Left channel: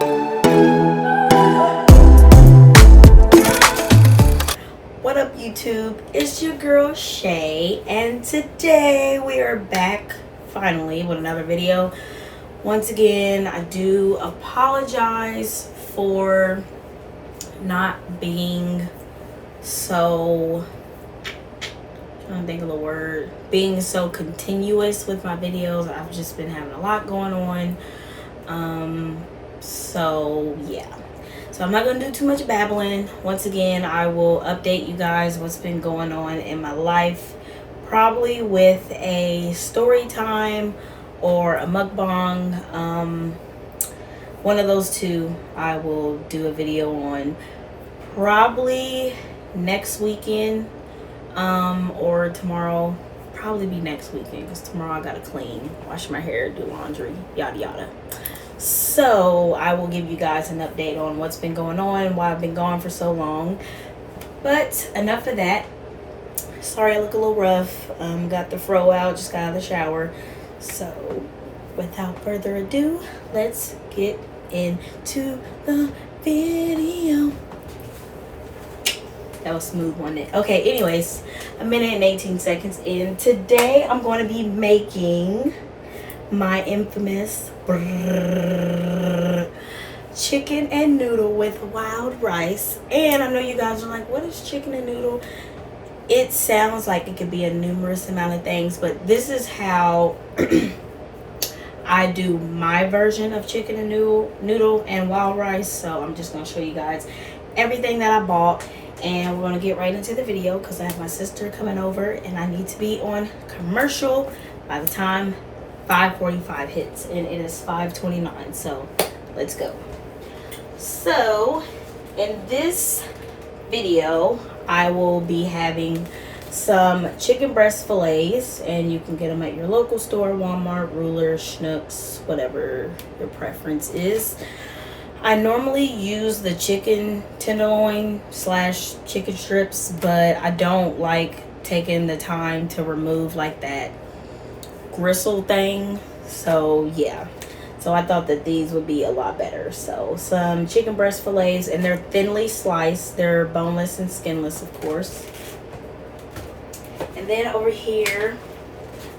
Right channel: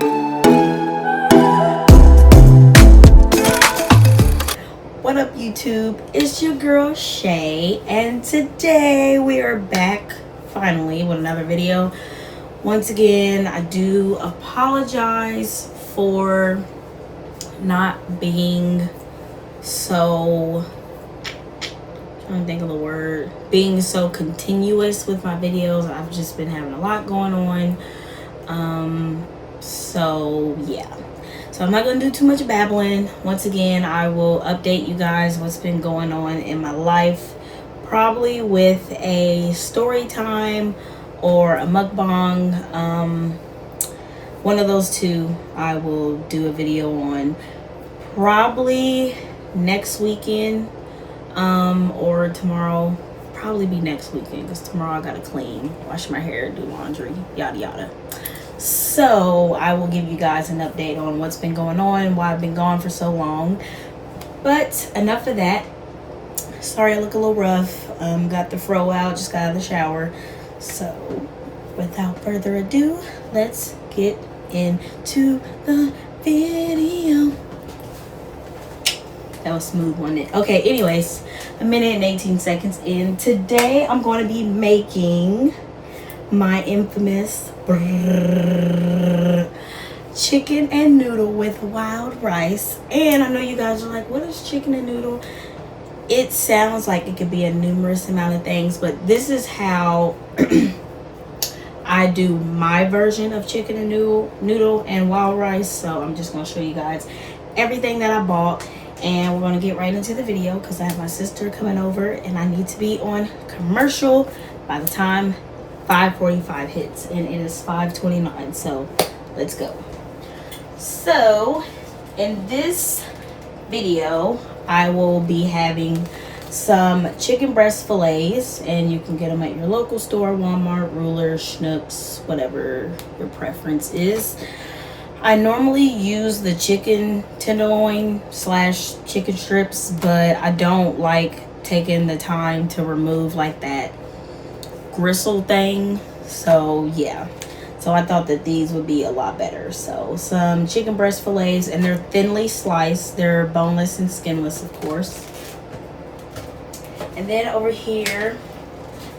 What up, YouTube? It's your girl Shay, and today we are back finally with another video. Once again, I do apologize for not being so, I don't think of the word, being so continuous with my videos. I've just been having a lot going on. So yeah. So I'm not going to do too much babbling. Once again, I will update you guys what's been going on in my life. Probably with a story time or a mukbang. One of those two I will do a video on. Probably next weekend or tomorrow. Probably be next weekend because tomorrow I got to clean, wash my hair, do laundry, yada yada. So I will give you guys an update on what's been going on, why I've been gone for so long. But enough of that. Sorry I look a little rough. Got the fro out, just got out of the shower. So without further ado, let's get into the video. That was smooth, wasn't it? Okay, anyways, 1minute and 18 seconds in. Today I'm going to be making my infamous chicken and noodle with wild rice. And I know you guys are like, what is chicken and noodle? It sounds like it could be a numerous amount of things, but this is how I do my version of chicken and noodle and wild rice. So I'm just going to show you guys everything that I bought, and we're going to get right into the video because I have my sister coming over and I need to be on commercial by the time 5:45 hits, and it is 5:29. So let's go. So in this video I will be having some chicken breast fillets, and you can get them at your local store, Walmart, Ruler, Schnucks, whatever your preference is. I normally use the chicken tenderloin / chicken strips, but I don't like taking the time to remove like that gristle thing. So yeah, so I thought that these would be a lot better. So some chicken breast fillets, and they're thinly sliced. They're boneless and skinless, of course. And then over here,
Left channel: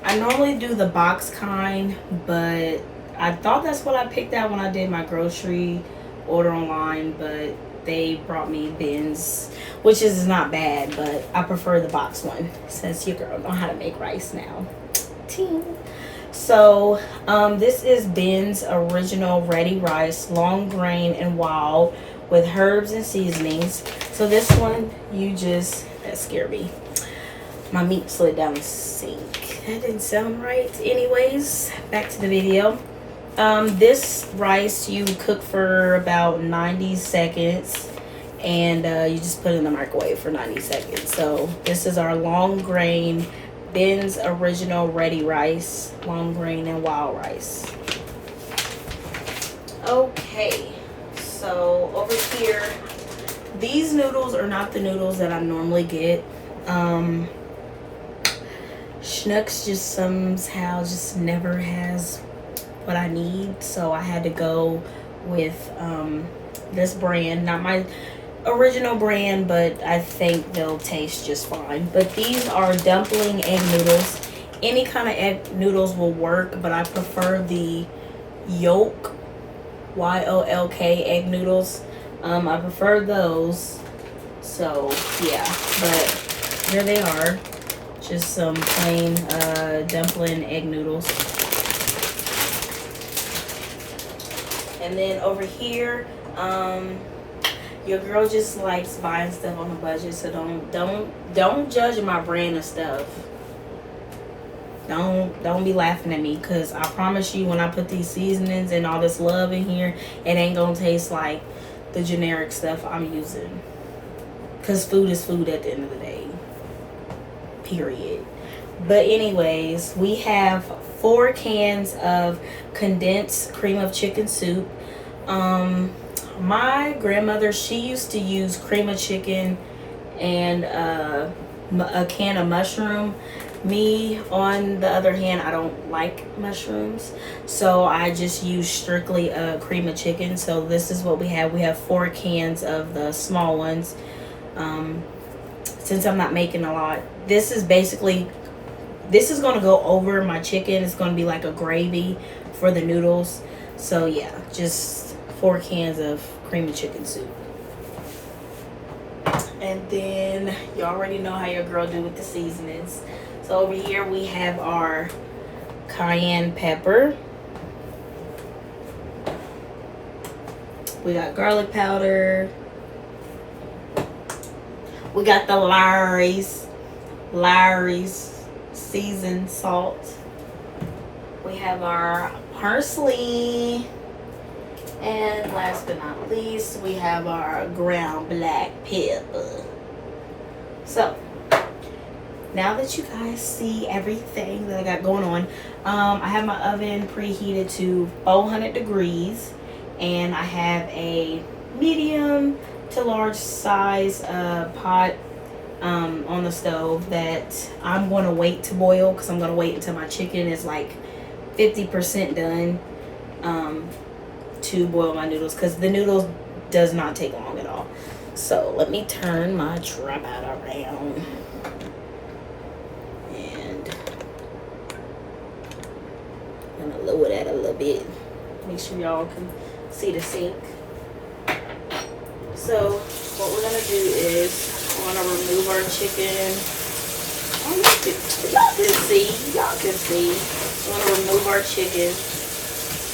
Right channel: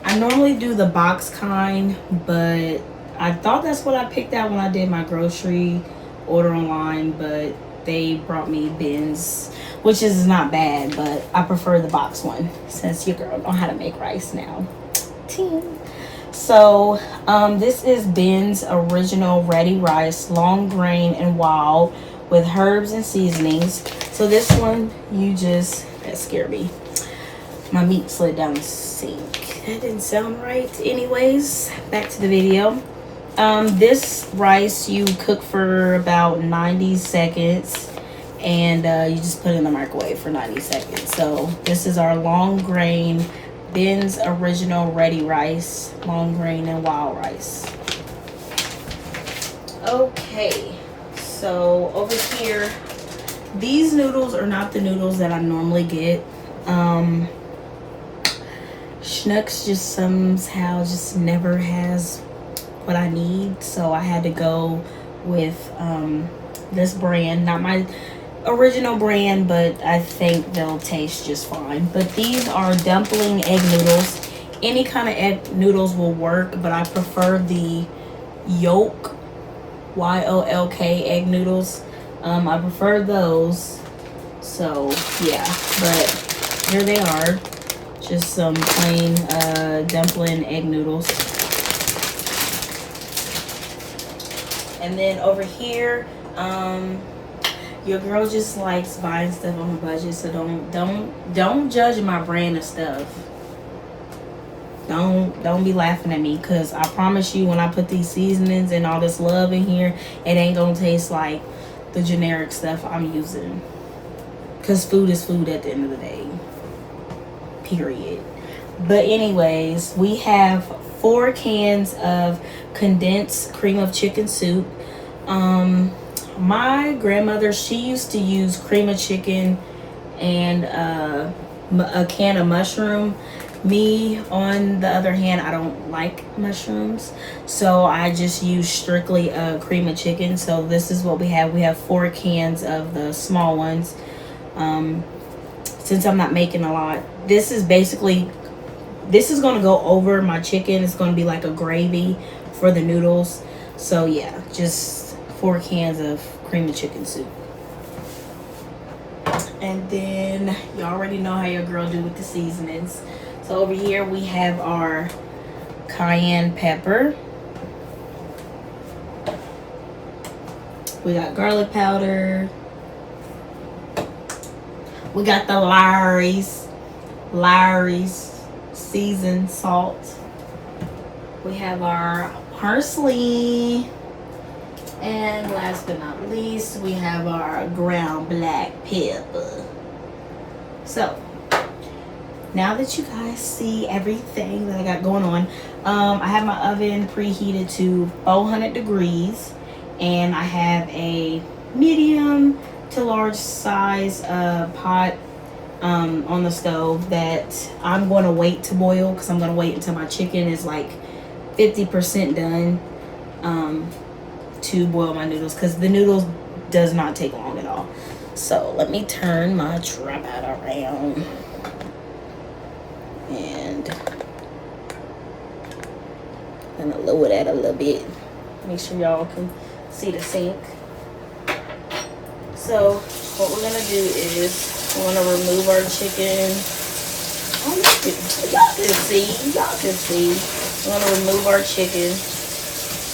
I normally do the box kind, but I thought that's what I picked out when I did my grocery order online, but they brought me bins, which is not bad, but I prefer the box one since your girl know how to make rice now. So this is Ben's original ready rice, long grain and wild, with herbs and seasonings. So this one, you just, that scared me, my meat slid down the sink. That didn't sound right. Anyways, back to the video. This rice you cook for about 90 seconds, and you just put it in the microwave for 90 seconds. So this is our long grain Ben's original ready rice, long grain and wild rice. Okay, so over here, these noodles are not the noodles that I normally get. Schnucks just somehow just never has what I need, so I had to go with this brand, not my original brand, but I think they'll taste just fine. But these are dumpling egg noodles. Any kind of egg noodles will work, but I prefer the yolk, Y-O-L-K egg noodles. I prefer those. So yeah, but here they are, just some plain dumpling egg noodles. And then over here, your girl just likes buying stuff on a budget, so don't judge my brand of stuff. Don't be laughing at me, because I promise you, when I put these seasonings and all this love in here, it ain't gonna taste like the generic stuff I'm using, because food is food at the end of the day, period. But anyways, we have 4 cans of condensed cream of chicken soup. My grandmother, she used to use cream of chicken and a can of mushroom. Me, on the other hand, I don't like mushrooms, so I just use strictly a cream of chicken. So this is what we have. We have 4 cans of the small ones. Since I'm not making a lot, this is basically, this is going to go over my chicken. It's going to be like a gravy for the noodles. So yeah, just 4 cans of cream of chicken soup. And then you already know how your girl do with the seasonings. So over here we have our cayenne pepper. We got garlic powder. We got the Lawry's seasoned salt. We have our parsley. And last but not least, we have our ground black pepper. So, now that you guys see everything that I got going on, I have my oven preheated to 400 degrees. And I have a medium to large size pot on the stove that I'm going to wait to boil, because I'm going to wait until my chicken is like 50% done to boil my noodles, because the noodles does not take long at all. So let me turn my tripod around and I'm gonna lower that a little bit, make sure y'all can see the sink. So what we're gonna do is we're gonna remove our chicken. Oh, y'all can see. We're gonna remove our chicken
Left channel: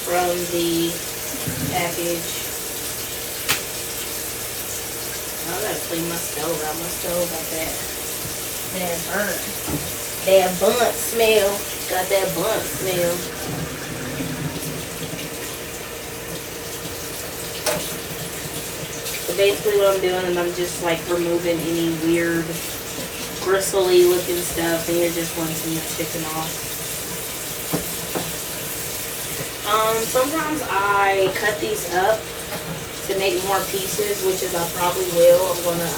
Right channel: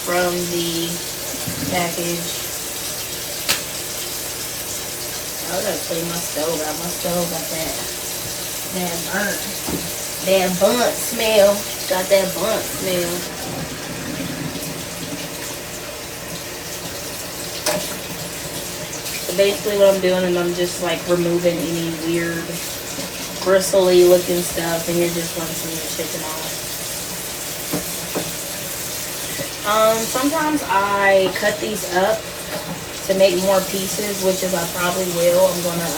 from the package. I gotta clean my stove out. My stove got that burnt smell. Got that burnt smell. So basically what I'm doing is I'm just like removing any weird bristly looking stuff, and you're just rinsing the chicken off. Sometimes I cut these up to make more pieces, which is I probably will. I'm gonna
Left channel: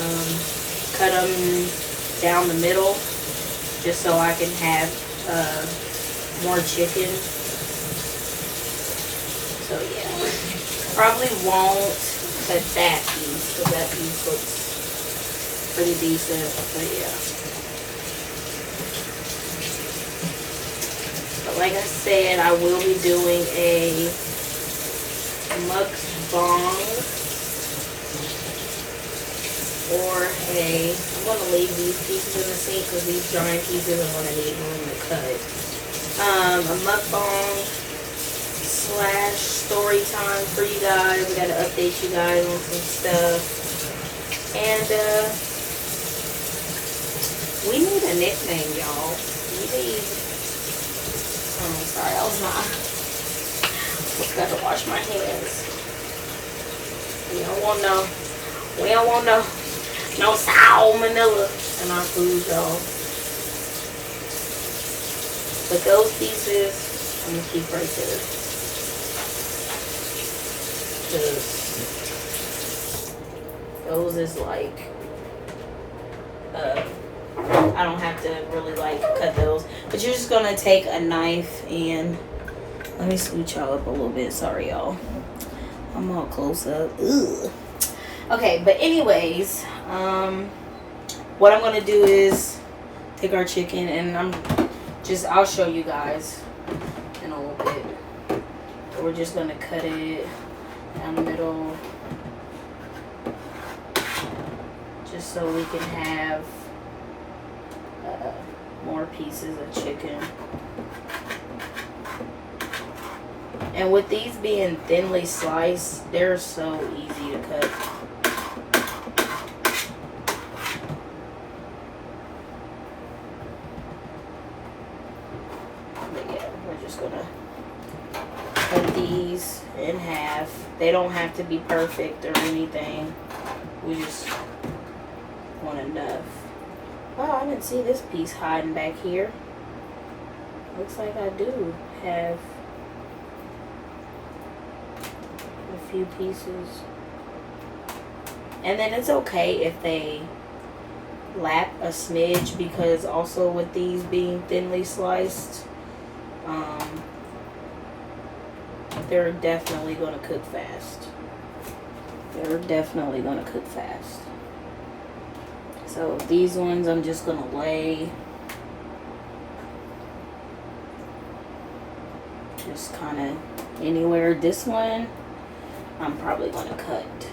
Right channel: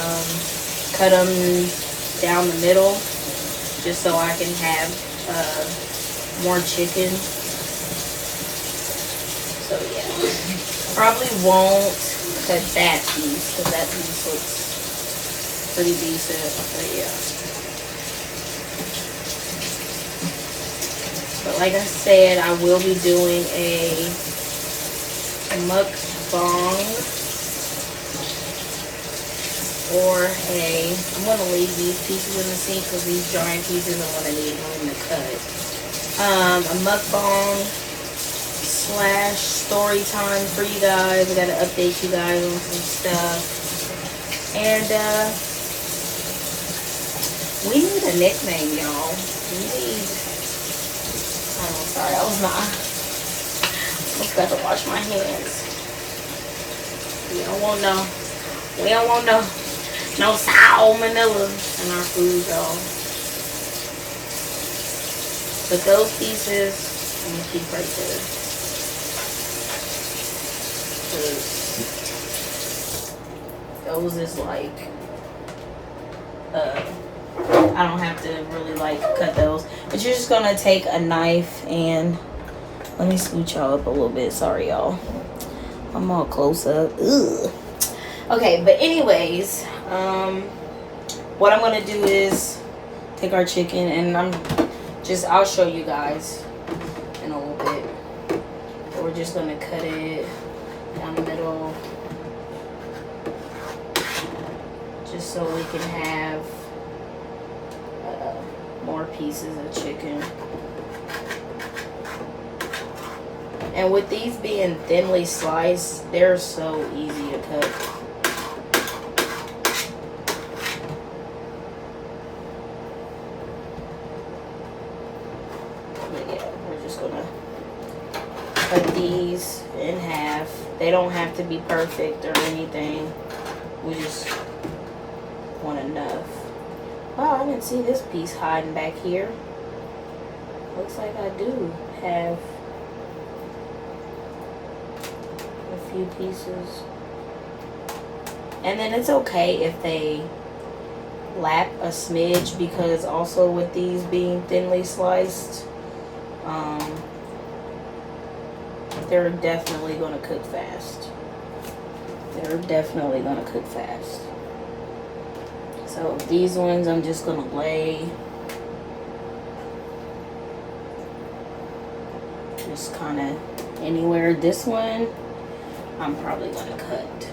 cut them down the middle just so I can have more chicken. So yeah, probably won't cut that piece because that piece looks pretty decent. But yeah. But like I said, I will be doing a mukbang, or I'm going to leave these pieces in the sink because these giant pieces I'm going to need room to cut. A mukbang / story time for you guys. We got to update you guys on some stuff. And we need a nickname, y'all. Oh, sorry, I was not. Let's better wash my hands. We don't want no salmonella in our food, y'all. But those pieces, I'm gonna keep right there. Those is like, I don't have to really like cut those, but you're just gonna take a knife and let me scoot y'all up a little bit. Sorry, y'all. I'm all close up. Ugh. Okay, but anyways, what I'm gonna do is take our chicken and I'll show you guys in a little bit. We're just gonna cut it down the middle, just so we can have more pieces of chicken. And with these being thinly sliced, they're so easy to cut. But yeah, we're just gonna cut these in half. They don't have to be perfect or anything. We just want enough. Oh, I didn't see this piece hiding back here. Looks like I do have a few pieces. And then it's okay if they lack a smidge, because also with these being thinly sliced, they're definitely going to cook fast. They're definitely going to cook fast. So these ones I'm just going to lay just kind of anywhere. This one I'm probably going to cut.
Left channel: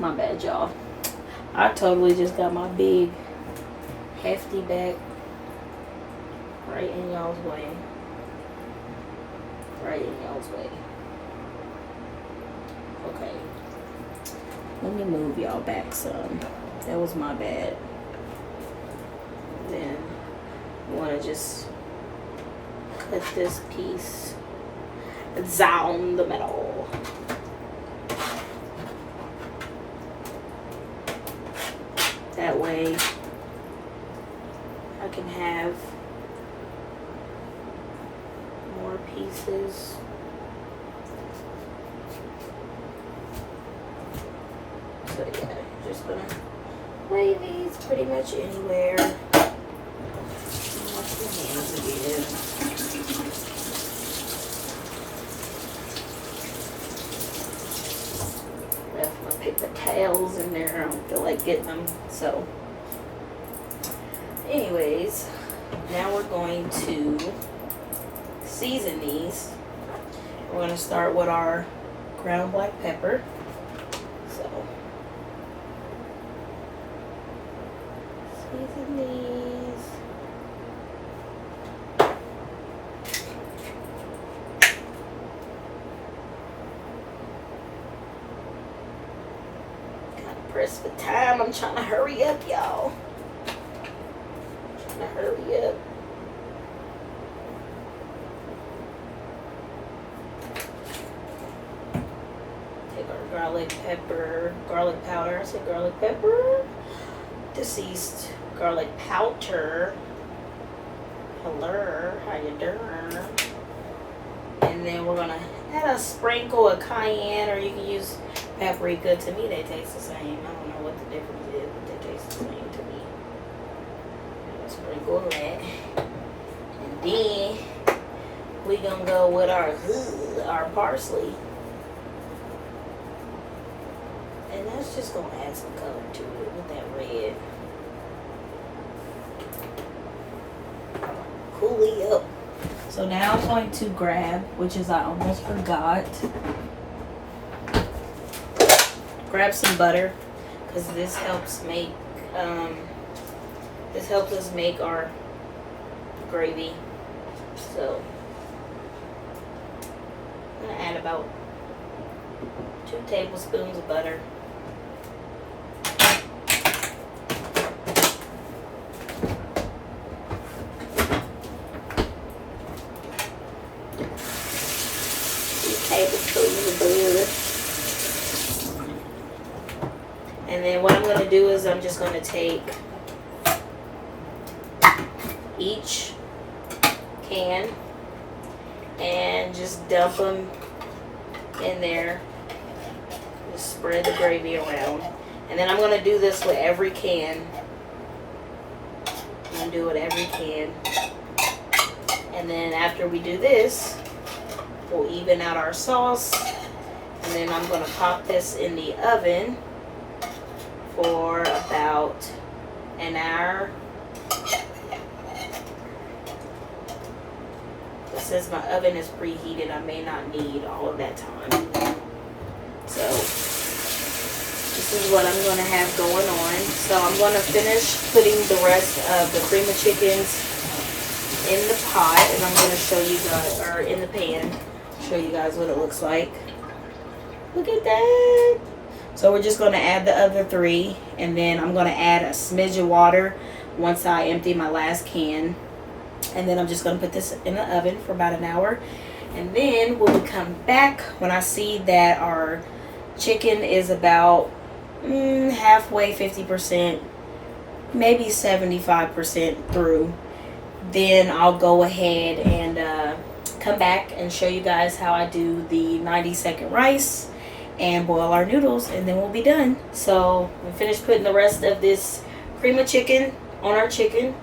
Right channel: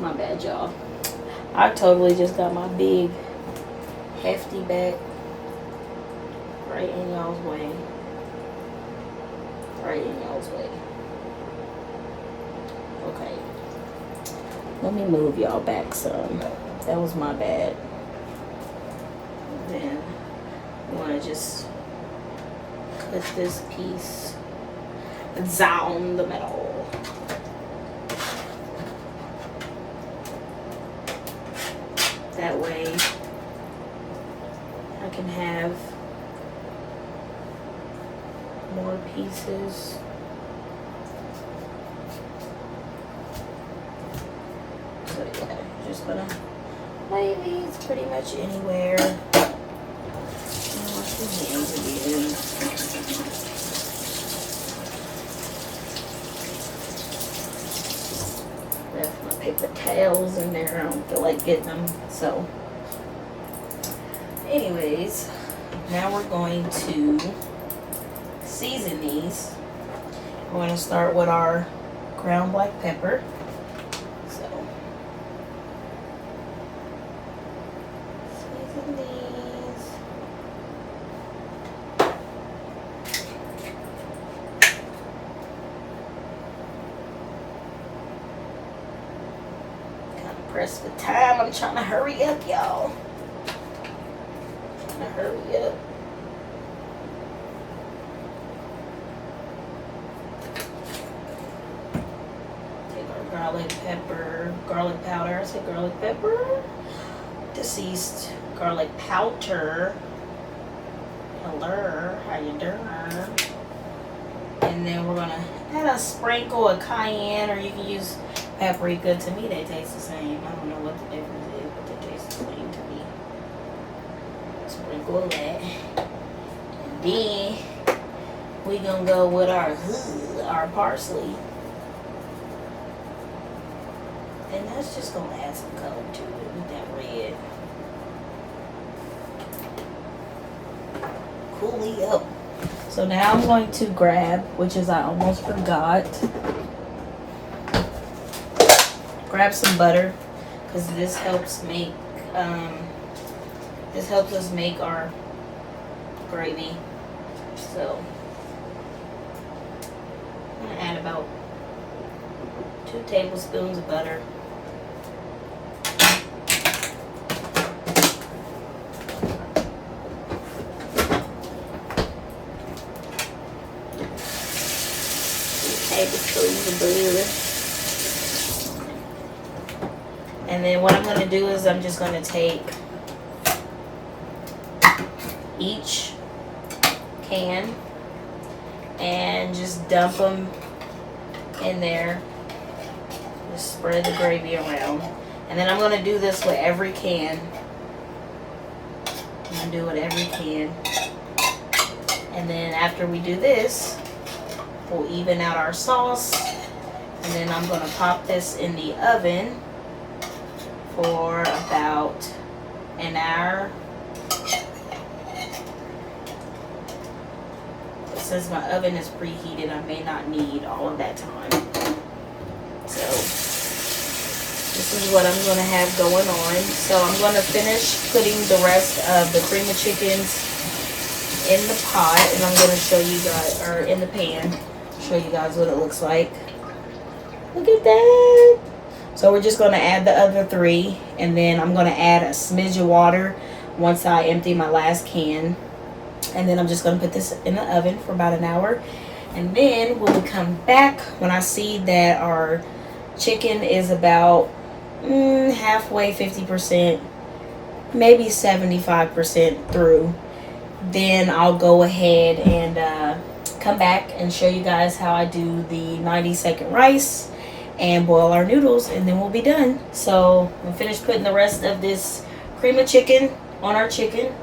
My bad, y'all. I totally just got my big hefty back right in y'all's way. Right in y'all's way. Okay. Let me move y'all back some. That was my bad. Then you want to just cut this piece down the middle. That way I can have more pieces. So yeah, just gonna lay these pretty much anywhere. Wash your hands again. Left my paper towels in there. I don't feel like getting them. So anyways, now we're going to season these. We're going to start with our ground black pepper. So season these. Gotta press for time. I'm trying to hurry up, y'all. Trying to hurry up. Garlic powder. I said garlic pepper. Deceased garlic powder. Hello, how you doing? And then we're gonna add a sprinkle of cayenne, or you can use paprika. To me, they taste the same. I don't know what the difference is, but they taste the same to me. Sprinkle of that, and then we gonna go with our parsley. And that's just going to add some color to it with that red. Coolly up. So now I'm going to grab, which is I almost forgot, grab some butter, because this helps make, this helps us make our gravy. So I'm going to add about 2 tablespoons of butter. Tablespoons of butter. And then what I'm going to do is I'm just going to take each can and just dump them in there. Just spread the gravy around. And then I'm going to do this with every can. I'm going to do it every can. And then after we do this, we'll even out our sauce, and then I'm going to pop this in the oven for about an hour. Since my oven is preheated, I may not need all of that time. So this is what I'm going to have going on. So I'm going to finish putting the rest of the cream of chickens in the pot, and I'm going to show you guys, or in the pan, show you guys what it looks like. Look at that. So we're just going to add the other 3, and then I'm going to add a smidge of water once I empty my last can. And then I'm just going to put this in the oven for about an hour. And then when we come back, when I see that our chicken is about halfway, 50%, maybe 75% through, then I'll go ahead and come back and show you guys how I do the 90-second rice and boil our noodles, and then we'll be done. So we'll finish putting the rest of this cream of chicken on our chicken.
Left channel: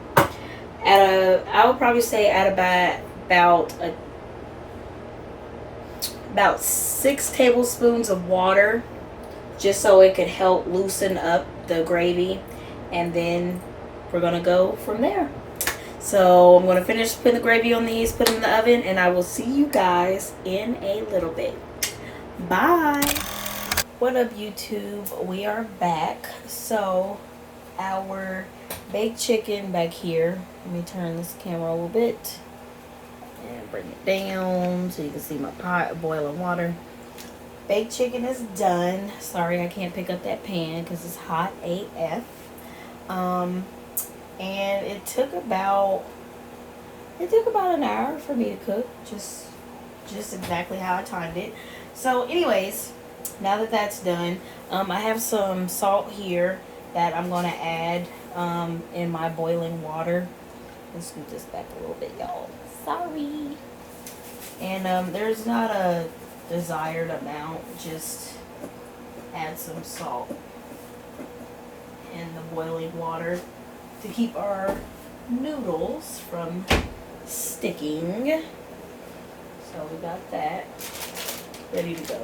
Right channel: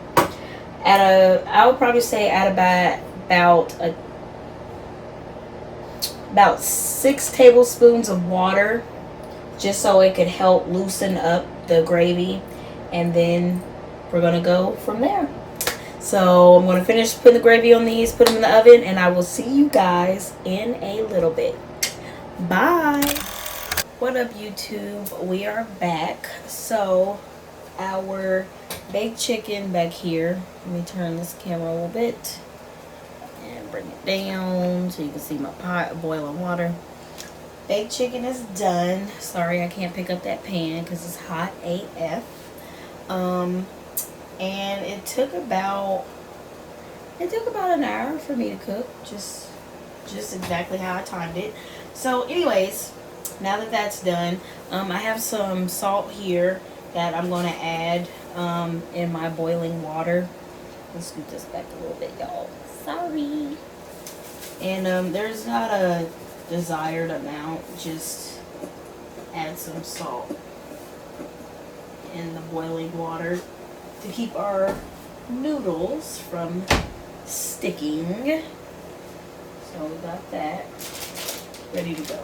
I would probably say at about 6 tablespoons of water, just so it could help loosen up the gravy, and then we're gonna go from there. So I'm gonna finish putting the gravy on these, put them in the oven, and I will see you guys in a little bit. Bye. What up, YouTube? We are back. So our baked chicken back here, let me turn this camera a little bit and bring it down so you can see my pot of boiling water. Baked chicken is done. Sorry I can't pick up that pan because it's hot AF. And it took about an hour for me to cook, just exactly how I timed it. So anyways, now that that's done, I have some salt here that I'm gonna add in my boiling water. Let's scoot this back a little bit, y'all. Sorry. And there's not a desired amount, just add some salt in the boiling water to keep our noodles from sticking. So we got that ready to go.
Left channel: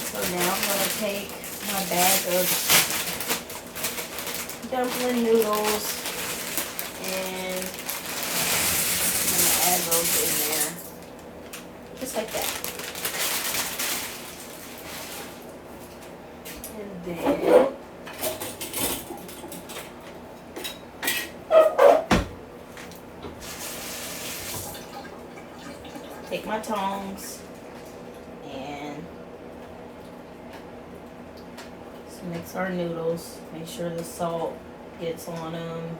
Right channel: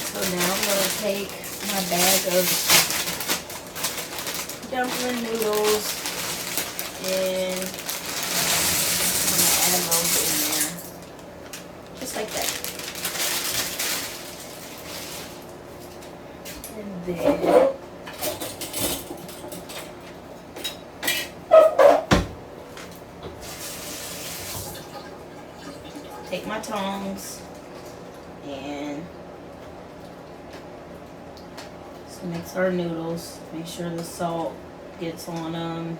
So now I'm going to take my bag of dumpling noodles and I'm going to add those in there. Just like that. And then take my tongs and just mix our noodles. Make sure the salt gets on them.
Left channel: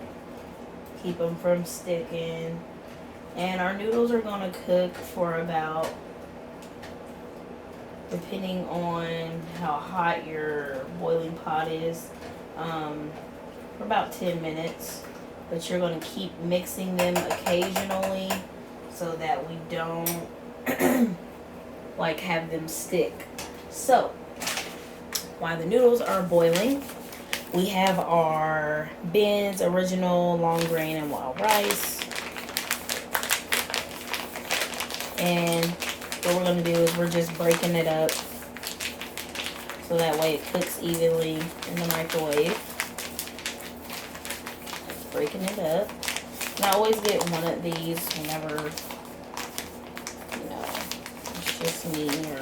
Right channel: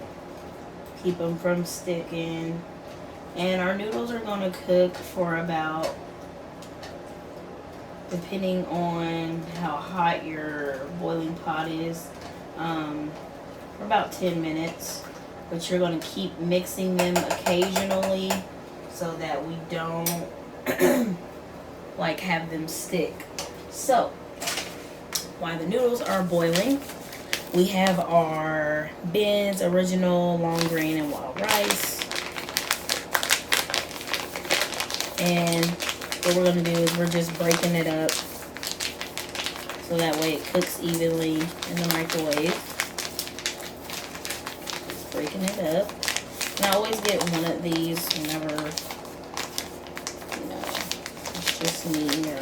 Keep them from sticking. And our noodles are going to cook for about, depending on how hot your boiling pot is, for about 10 minutes. But you're going to keep mixing them occasionally so that we don't like have them stick. So while the noodles are boiling, we have our Ben's original long grain and wild rice. And what we're going to do is we're just breaking it up so that way it cooks evenly in the microwave. Just breaking it up. And I always get one of these whenever, you know, it's just me, or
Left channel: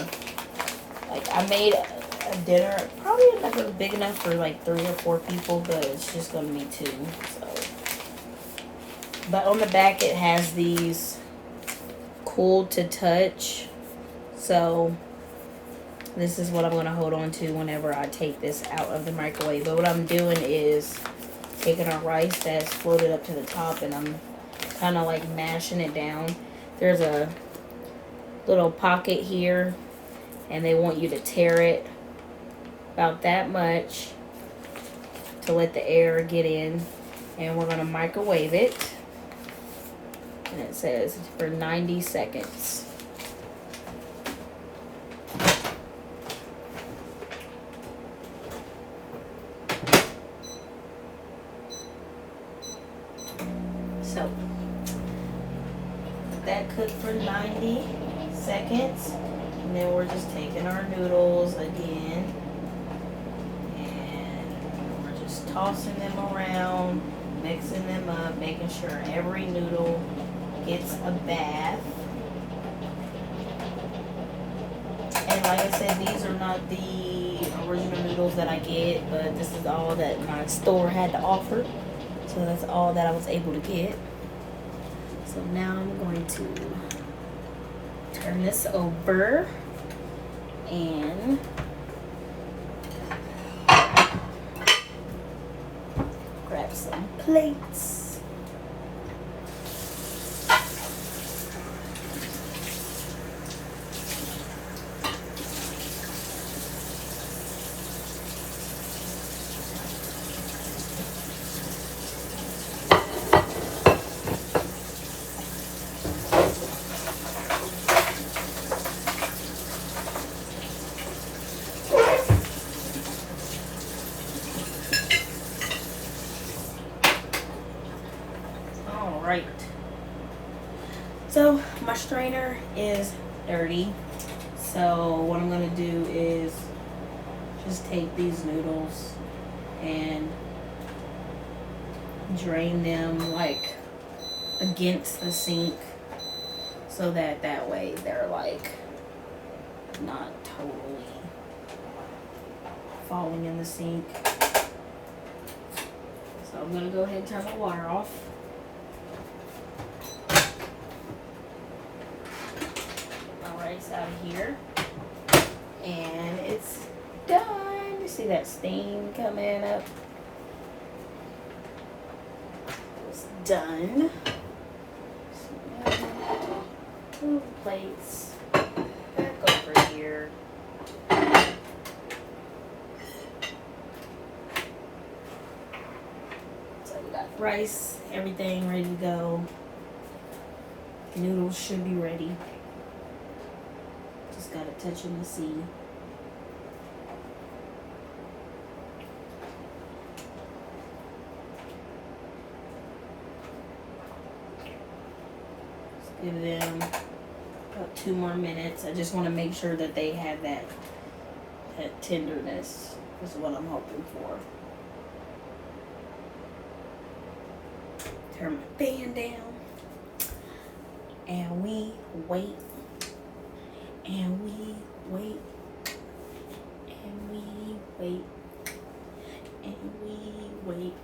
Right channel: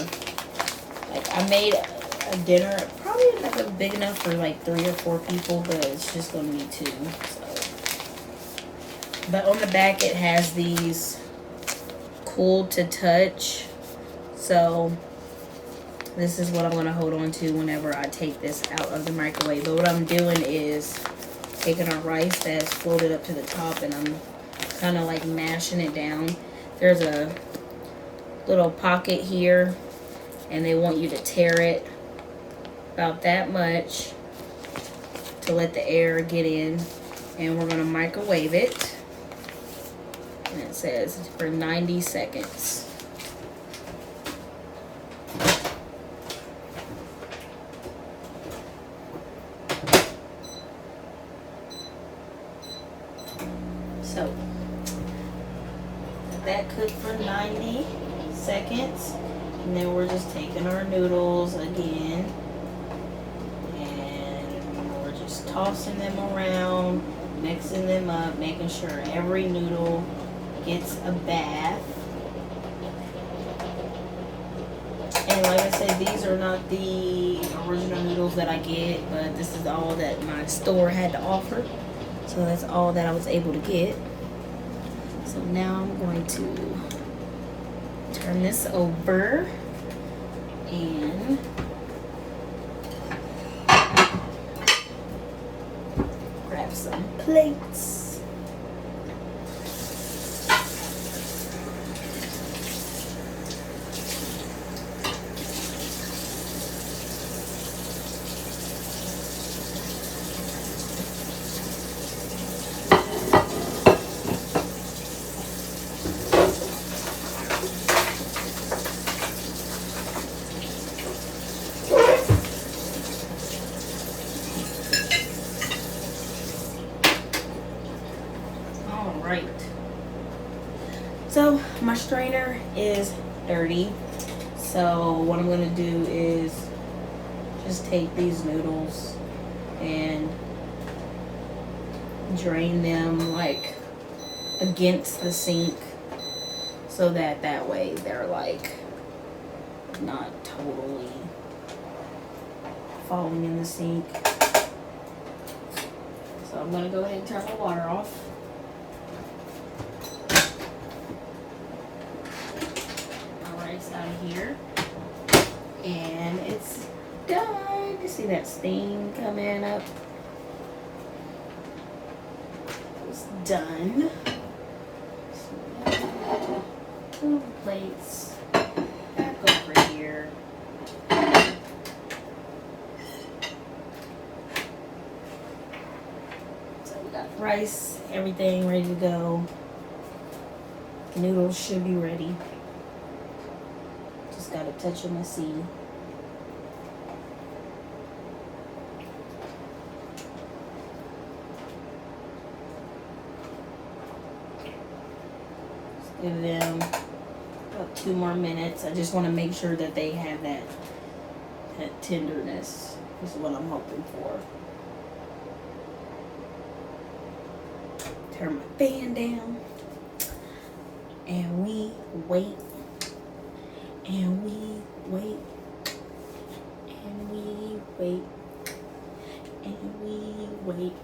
like I made a dinner, probably never big enough for like 3 or 4 people, but it's just going to be 2. So, but on the back it has these cool to touch, so this is what I'm going to hold on to whenever I take this out of the microwave. But what I'm doing is taking our rice that's floated up to the top and I'm kind of like mashing it down. There's a little pocket here and they want you to tear it about that much to let the air get in, and we're going to microwave it. And it says for 90 seconds. So let that cook for 90 seconds. And then we're just taking our noodles again. And we're just tossing them around, mixing them up, making sure every noodle gets a bath. And like I said, these are not the original noodles that I get, but this is all that my store had to offer. So that's all that I was able to get. So now I'm going to turn this over and grab some plates. strainer is dirty. So what I'm gonna do is just take these noodles and drain them like against the sink, so that way they're like not totally falling in the sink. So I'm gonna go ahead and turn the water off. Get my rice out of here. And it's done. You see that steam coming up? It's done. Move the plates back over here. So we got rice, everything ready to go. Noodles should be ready. Just got a touch of my seed. Give them about 2 more minutes. I just want to make sure that they have that tenderness is what I'm hoping for. Turn my fan down. And we wait. And we wait. And we wait. And we wait.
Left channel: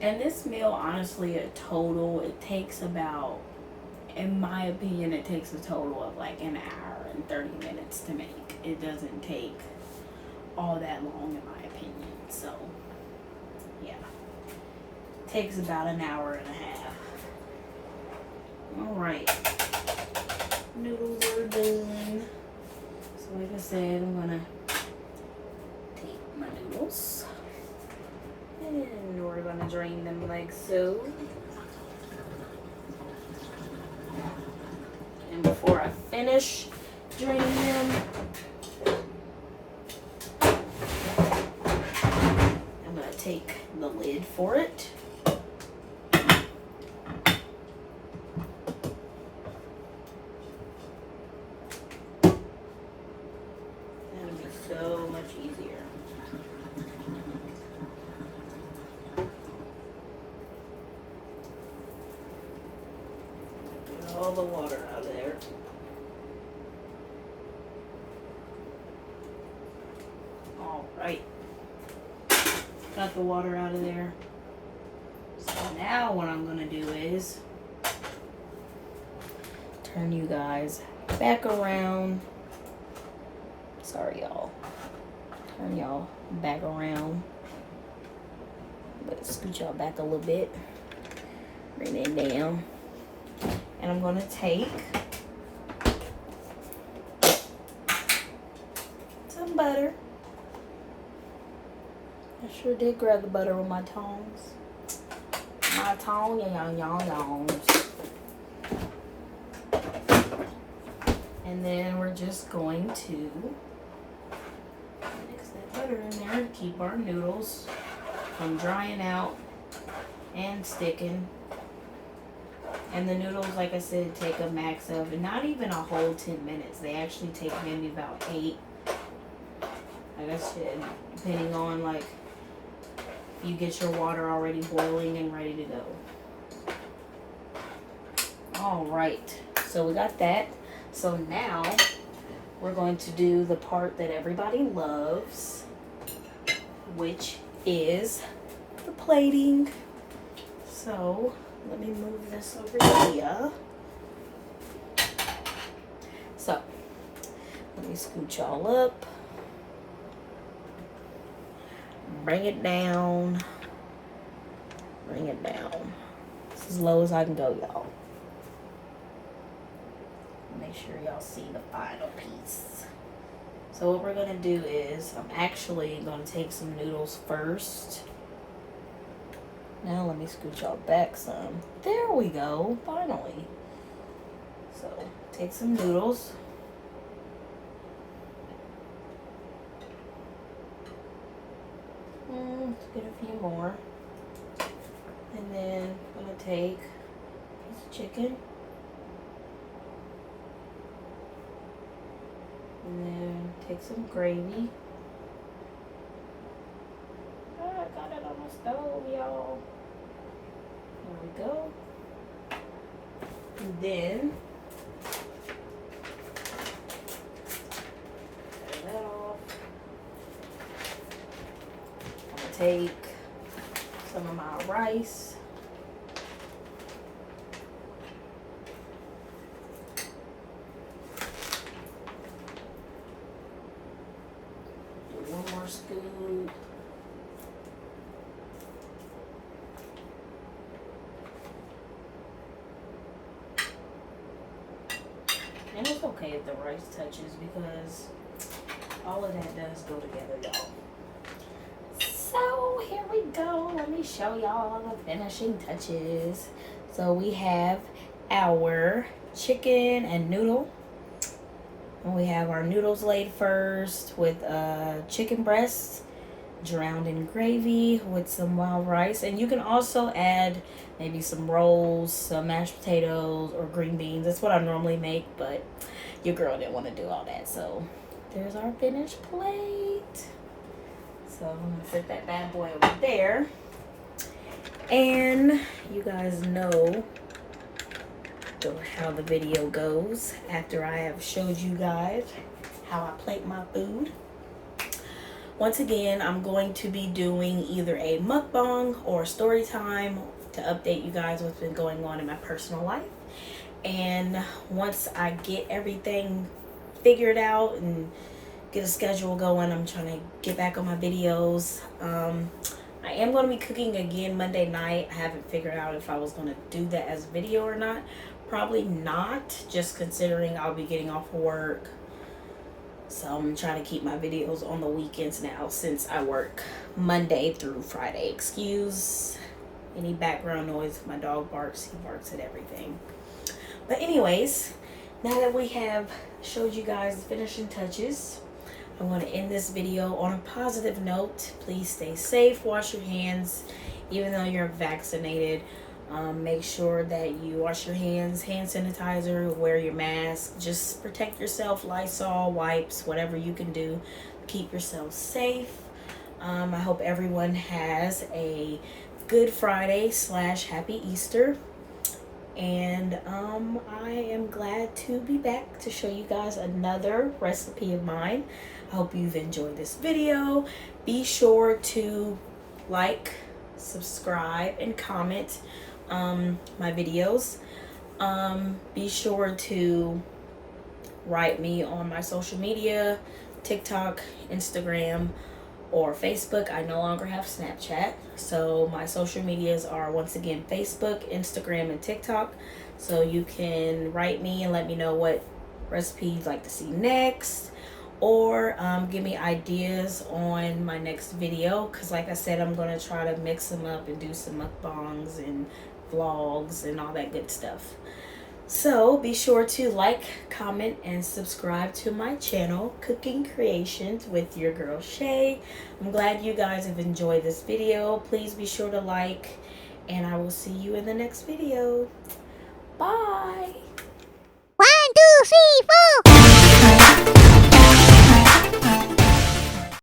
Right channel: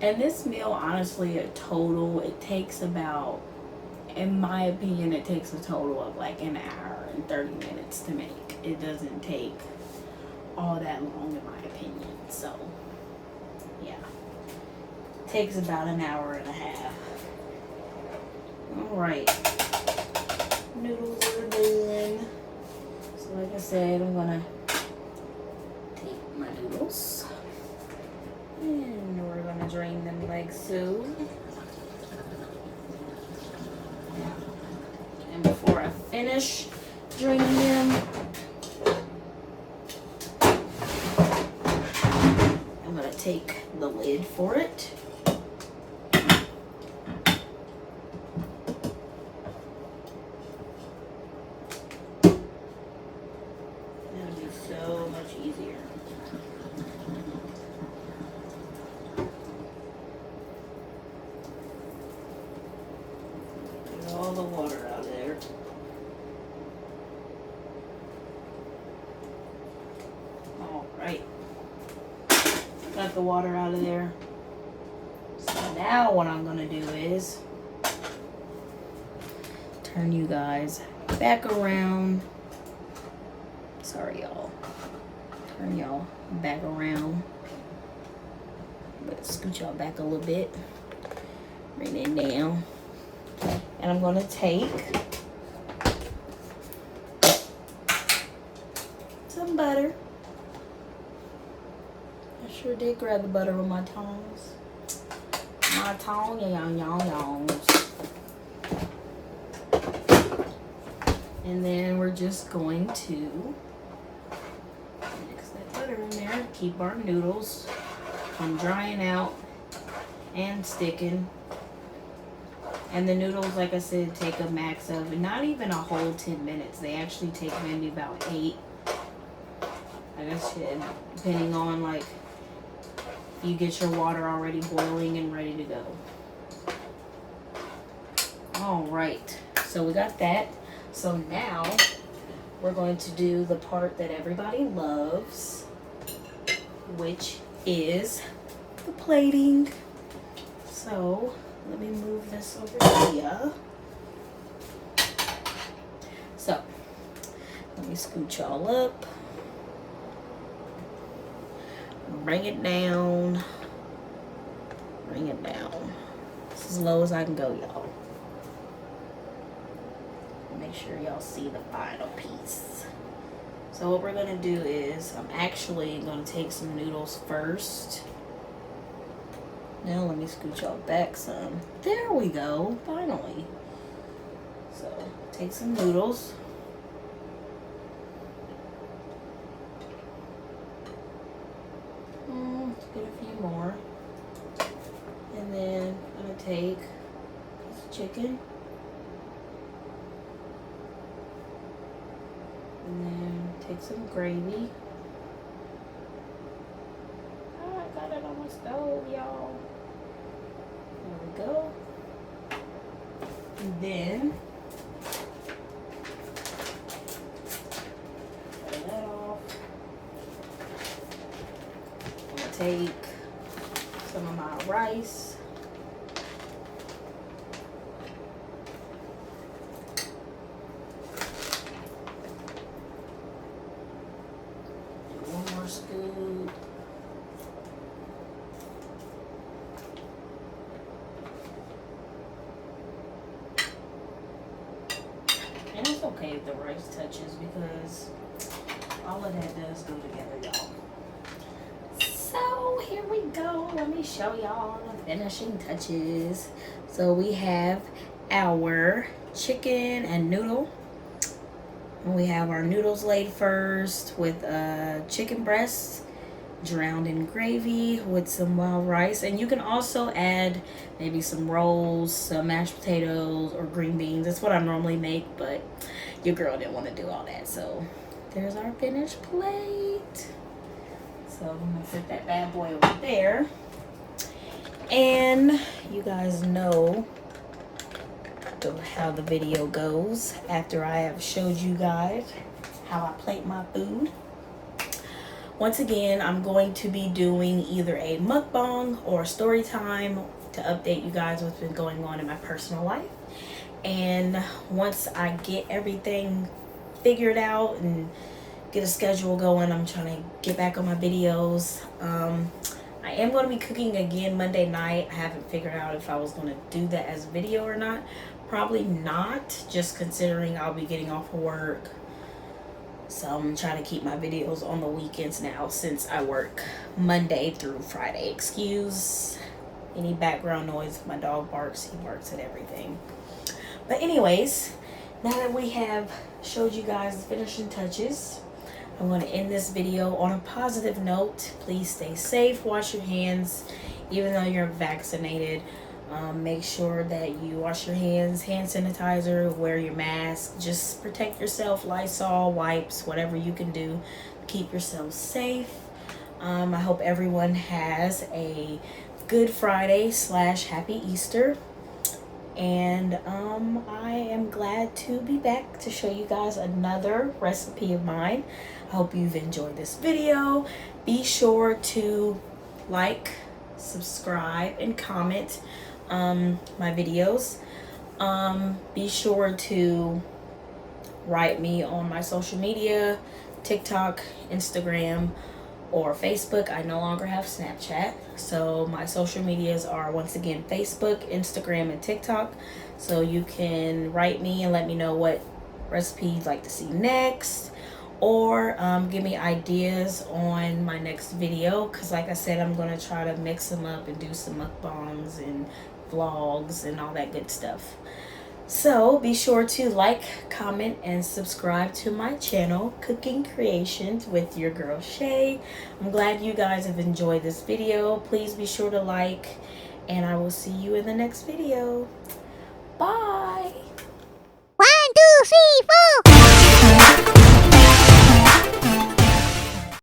And this meal, honestly, it takes about, in my opinion, it takes a total of like an hour and 30 minutes to make. It doesn't take all that long, in my opinion. So, yeah. It takes about an hour and a half. Alright. Noodles are done. So, like I said, I'm going to take my noodles. And we're going to drain them like so. And before I finish draining them, I'm going to take the lid for it. That'll be so much easier. All the water out of there. All right. Got the water out of there. So now what I'm going to do is turn you guys back around. Sorry, y'all. Turn y'all back around. But scoot y'all back a little bit. Bring it down. And I'm going to take some butter. I sure did grab the butter with my tongs. My tongs. And then we're just going to mix that butter in there to keep our noodles from drying out and sticking. And the noodles, like I said, take a max of not even a whole 10 minutes. They actually take maybe about 8. I guess depending on like you get your water already boiling and ready to go. All right, so we got that. So now we're going to do the part that everybody loves, which is the plating. So let me move this over here. So, let me scoot y'all up. Bring it down. Bring it down. It's as low as I can go, y'all. Make sure y'all see the final piece. So what we're going to do is, I'm actually going to take some noodles first. Now let me scoot y'all back some. There we go, finally. So take some noodles. Let's get a few more. And then I'm gonna take a piece of chicken. And then take some gravy. Oh, I got it on my stove, y'all. There we go. And then turn that off. I'm gonna take some of my rice. Do one more scoop. And it's okay if the rice touches because all of that does go together, y'all. So here we go. Let me show y'all the finishing touches. So we have our chicken and noodle. And we have our noodles laid first with chicken breasts drowned in gravy with some wild rice. And you can also add maybe some rolls, some mashed potatoes, or green beans. That's what I normally make, but your girl didn't want to do all that. So there's our finished plate. So I'm gonna put that bad boy over there. And you guys know how the video goes after I have showed you guys how I plate my food. Once again, I'm going to be doing either a mukbang or a story time to update you guys what's been going on in my personal life. And once I get everything figured out and get a schedule going, I'm trying to get back on my videos. I am going to be cooking again Monday night. I haven't figured out if I was going to do that as a video or not. Probably not, just considering I'll be getting off work. So I'm trying to keep my videos on the weekends now since I work Monday through Friday. Excuse any background noise. If my dog barks, he barks at everything. But anyways, now that we have showed you guys the finishing touches, I'm going to end this video on a positive note. Please stay safe, wash your hands, even though you're vaccinated. Make sure that you wash your hands, hand sanitizer, wear your mask. Just protect yourself, Lysol, wipes, whatever you can do to keep yourself safe. I hope everyone has a good Friday / happy Easter. And I am glad to be back to show you guys another recipe of mine. I hope you've enjoyed this video. Be sure to like, subscribe, and comment my videos. Be sure to write me on my social media, TikTok, Instagram, or Facebook. I no longer have Snapchat. So my social medias are once again Facebook, Instagram, and TikTok. So you can write me and let me know what recipe you'd like to see next, or give me ideas on my next video, because like I said, I'm going to try to mix them up and do some mukbangs and vlogs and all that good stuff. So be sure to like, comment, and subscribe to my channel, Cooking Creations with your girl Shay. I'm glad you guys have enjoyed this video. Please be sure to like, and I will see you in the next video. Bye. 1, 2, 3, 4.